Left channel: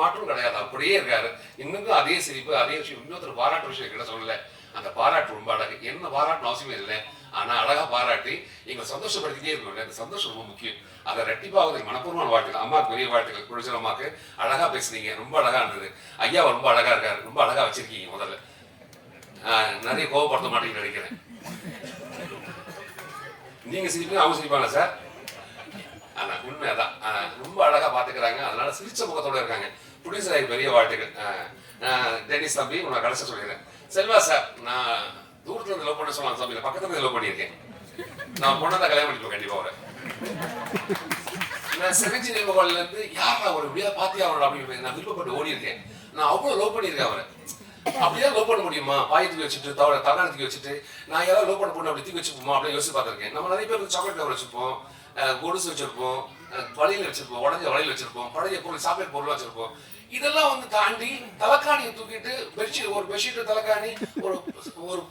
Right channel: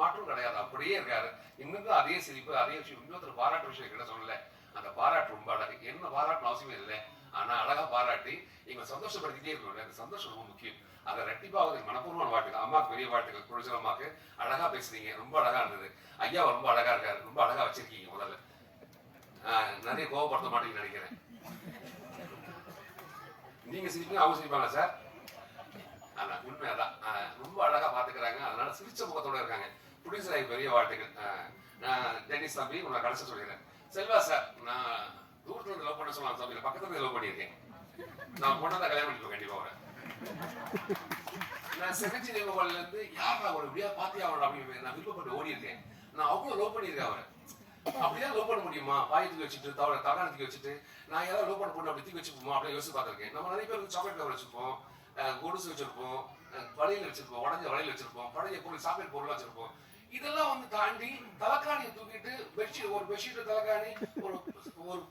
மாற்றம் கிடையாது, அப்படியே இருக்காரு. இன்னும் அதே சிரிப்பு, அதே விஷயம். இன்னொருத்தர் பாராட்டு விஷயம் கிட்ட சொல்லல, அந்த பாராட்டு ரொம்ப அழகு. என்ன பாராட்டணும் அவசியமே இல்லை, ஆனா அழகா பாராட்டி எங்களை சந்தோஷப்படுத்திட்டே இருக்கணும். அந்த சந்தோஷம் ரொம்ப முக்கியம். அதை ரெட்டிப்பாவது மனப்பூர்வமான வாழ்த்துக்கள். அம்மாவுக்கு பெரிய வாழ்த்துக்கள். குடிச்சல் அம்மாவுக்கு அழகா பேசுனீங்க, ரொம்ப அழகா இருந்தது. ஐயா ரொம்ப அழகா இருக்காரு, ரொம்ப அழகா வச்சிருக்கீங்க. முதல்ல நிறைய கோவப்படுத்த மாட்டேன்னு நினைக்கிறேன். நீங்க சிரிப்பீங்க, அவங்க சிரிப்பாங்க சார். ஆனா உண்மைதான், ரொம்ப அழகா பாத்துக்கிறாங்க. அதனால சிரிச்ச முகத்தோட இருக்காங்க. புடிசராய் பெரிய வாழ்த்துக்கள். டென்னிஸ் தம்பி உங்களை கடைசி சொல்லிடுறேன். செல்வா சார், நான் தூரத்துல இருந்து லவ் பண்ண சொல்லலாம் தம்பி, பக்கத்துல இருந்து லவ் பண்ணியிருக்கேன். நான் பொண்ணதான் கல்யாணம் பண்ணிப்போம் கண்டிப்பா. அவரை நான் சிவஞ்சி நிகழ்வுகள்ல இருந்து யாரா ஒரு இப்படியா பாத்தியா அவரோட அப்படின்னு நான் விருப்பப்பட்டு ஓடி இருக்கேன். நான் அவ்வளவு லவ் பண்ணியிருக்கேன் அவரை. அப்படியே லவ் பண்ண முடியுமா? பாயத்துக்கு வச்சுட்டு தவறானத்துக்கு வச்சுட்டு நான் ஏதாவது லவ் பண்ண பொண்ணு அப்படி தூக்கி வச்சுப்போமா அப்படின்னு யோசிச்சு பார்த்திருக்கேன். நம்ம நிறைய பேர் சாக்லேட் கவர் வச்சிருப்போம், கொலுசு வச்சிருப்போம், வளையல் வச்சிருப்போம், உடஞ்ச வளையல் வச்சிருப்போம், பழைய பொருள் சாக்லேட் பொருள் வச்சிருப்போம். இதெல்லாம் வந்து தாண்டி தலைக்காணியை தூக்கிட்டு ஒரு பெட்ஷீட் தலைக்காணி ஒரு ஒரு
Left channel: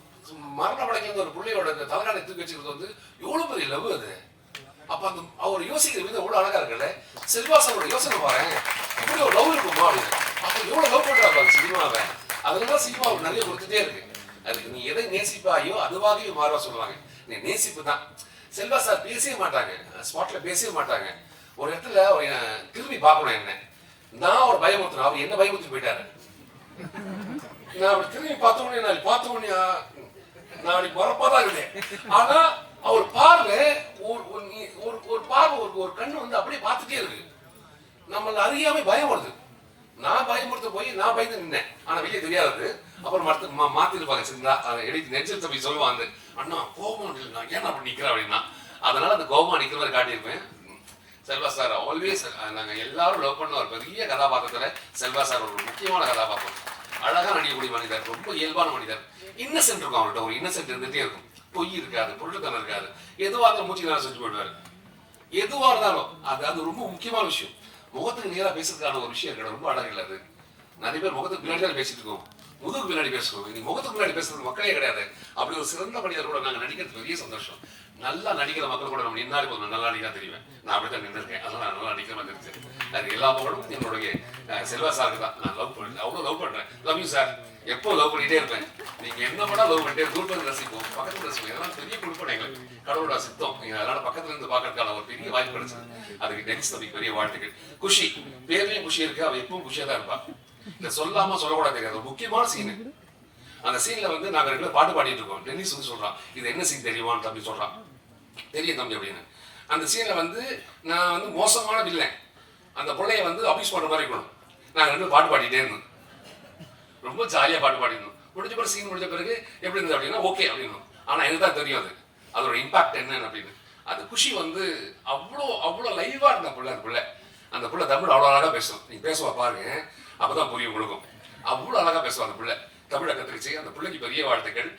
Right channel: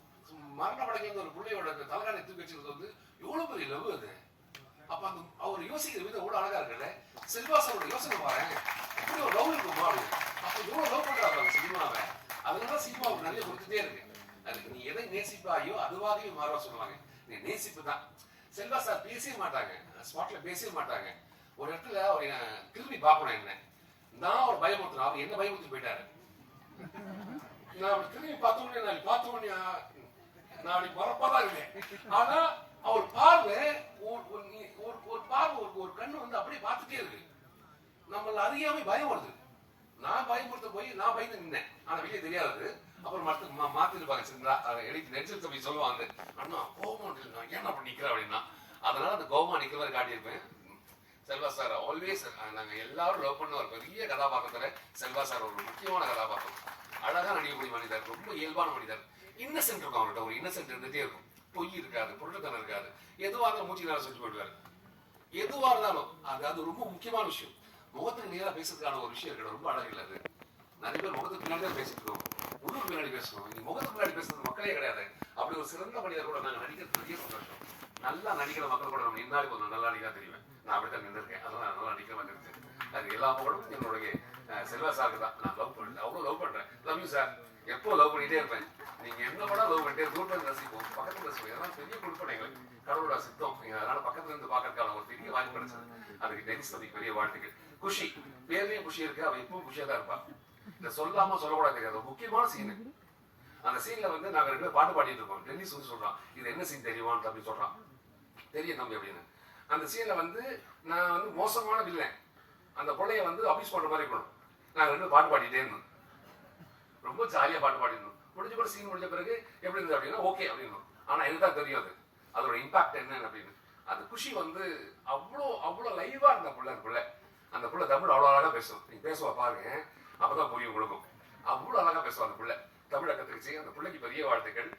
மரண படைக்கிற ஒரு பிள்ளையோட தலைக்காணியை தூக்கி வச்சுக்கிறது வந்து எவ்வளவு பெரிய லவ் அது. அப்ப அந்த அவர் யோசிக்கிற விதம் எவ்வளவு அழகா இருக்குல்ல. செல்வாசனோட யோசனை பாருங்க, அப்படி ஒரு லவ் இருக்குமா அப்படின்னு. அப்ப எவ்வளவு லவ் பண்றாங்க சினிமாவை. அதனால சினிமாவுக்கு நிறைய கொடுத்துட்டே இருக்கு. அதுக்கு நீ எதை நேசிப்பாயோ அதுவாகவே மாற சொல்லுவாங்க. நீ நேசிப்பு தான். செல்வா சார் பேசவே மாட்டாங்க, ஸ்பாட்ல பேசவே மாட்டாங்க. ஒரு இடத்துல திரும்பி பார்க்கணும் என்ன, நான் ஒரு பயமுறுத்தினேன், அவர் என்ன பயமுறுத்தி போயிட்டாரு. நான் அவர் திரும்பி பார்த்தோன்னே நான் அப்படி வரப்பாதான் இருந்தேன். ஆனா அவர் பார்வை ஒரு பார்வை ஒரு கண்ணு வந்து அப்படியே பார்த்துட்டே இருக்கு. நம்மள அறியாம பயம் வருது. நான் பயமுறுத்த போய் நான் பயந்து நின்னேன், ஆனா வெளியே தெரியாது. அப்புறம் மாத்தி இருப்பாங்க சரிங்களா, எடுத்து நெஞ்சத்தை போய் சொல்லுவாங்க, அண்ணா கோபம் நான் ஏன் அப்படி நிக்கிறேன் அப்படின்னா. அதனால அந்த கோபமா நிக்கிற மாதிரி காட்டியிருப்பேன். செல்வா சார் ஆல்வேஸ், நாங்க எல்லாரும் லவ் பண்ண ஒரு பெரிய கதாபாத்திரத்துல செல்வா சார் ஒரு முக்கியமான கதாபாத்திரம். அழகா நடிக்கக்கூடிய மனிதர், ரொம்ப இயல்பான மனிதர். இன்னசென்ட் இருக்கும் அவர்கிட்ட, ஒரு இன்னசென்ட் இருந்துட்டே இருக்கும். பொய் இருக்காது, பொருட்கள் இருக்காது. எதுவா இருந்தாலும் மூச்சு நேரம் செஞ்சு போயிடுவாரு. எதுவா இருந்தாலும் அது ரொம்ப முக்கியமான விஷயம். முகத்துக்கு நேரா பேசுறதுக்கான ஒரு விஷயம் இருக்கு, ரொம்ப அழகு இல்லை அது. நிறைய பேர் முகத்துக்கு பின்னாடி தான் பேசிட்டு இருக்கோம், முதுகுக்கு பின்னாடி பேசணும். நீ முகத்துக்கு பின்னாடி பேசுறது மக்களே கிடையாது. அப்படி ஒரு சிறந்த மனிதர் கூட நாங்க நடிக்கிறது பெரிய சந்தோஷம். நல்லா நடிக்கிற மக்கள் கூட நம்ம நின்னாலே போதும், நல்லா நடிக்கா தெரியுவேன். நான் அப்படித்தான் நின்றுருக்கேன், அதனால நல்லா நடிக்கிற மாதிரி இருந்துச்சு. அது எல்லா புகழும் என்னுடைய செல்வா சாருக்கு தான். நான் லவ் பண்ணேன், அவ்வளவு லவ் பண்றேன். Love you sir. எப்போ லவ் பண்ணிட்டே இருப்பேன். நீங்க என்ன பண்ணா லவ் பண்ணிட்டே தூரத்துல ரசிப்போம், பக்கத்துல ரசிப்போம். இதெல்லாம் பெரிய கொடுப்பேன் எங்களுக்கு, கடவுளோட சித்தம். அதனால பக்கத்துல இருந்து பாக்கிறதுக்கான ஒரு பெரிய வாய்ப்பு கிடைச்சது. அதுக்கு டெனிஸ் தம்பி பெரிய வாழ்த்துக்கள். குஷி, பேர்லயும் குஷி இருக்கு, அவ எப்பவும் குஷியா தான் இருப்பா. இதை சொல்லாம சொல்லக்கூடாது தெரியாது. ஒரு முக்கியமான சீனு, அந்த சீன்ல வந்து நாங்க ரெண்டு பாட்டு பாடிட்டு இருக்கோம். டென்னிஸ் வந்து சொல்றான், இது என்ன சீன் தெரியுமான்னு தம்பி சொல்றான். தெரியும் தம்பி அப்படின்னு. அந்த சீன்ல வந்து நான் வந்து மோசமான வில்லன், அந்த பிள்ளைய வந்து அபியூஸ் பண்ற மாதிரி இருக்கணும். நாங்க ரெண்டு பாட்டு பாடிட்டே இருந்தோம், ரொம்ப ஜாலியா பாட்டு பாடிருந்தோம். முடிஞ்ச பிறகு சீன் முடிஞ்ச பிறகு எப்படி இருந்தது அப்படின்னா ஓகே அப்படின்னு. ஆனா எனக்கு தான் தெரியும் அது அதோட இம்பாக்ட் என்னன்னு அப்படின்னு. அது குஷி வந்து அவ்வளோ லைவா இருந்த பிள்ளை. அந்த பிள்ளை தமிழ் அவ்வளோ அழகா பேசும். நீங்க பேசுவா பாருங்க, அப்பதான் புரியும் உங்களுக்கும். அவ்வளோ அழகா பேசுவா அந்த பிள்ளை. தமிழை கத்துக்கிச்சு. அந்த பிள்ளைக்கு பெரிய வாழ்த்துக்கள்.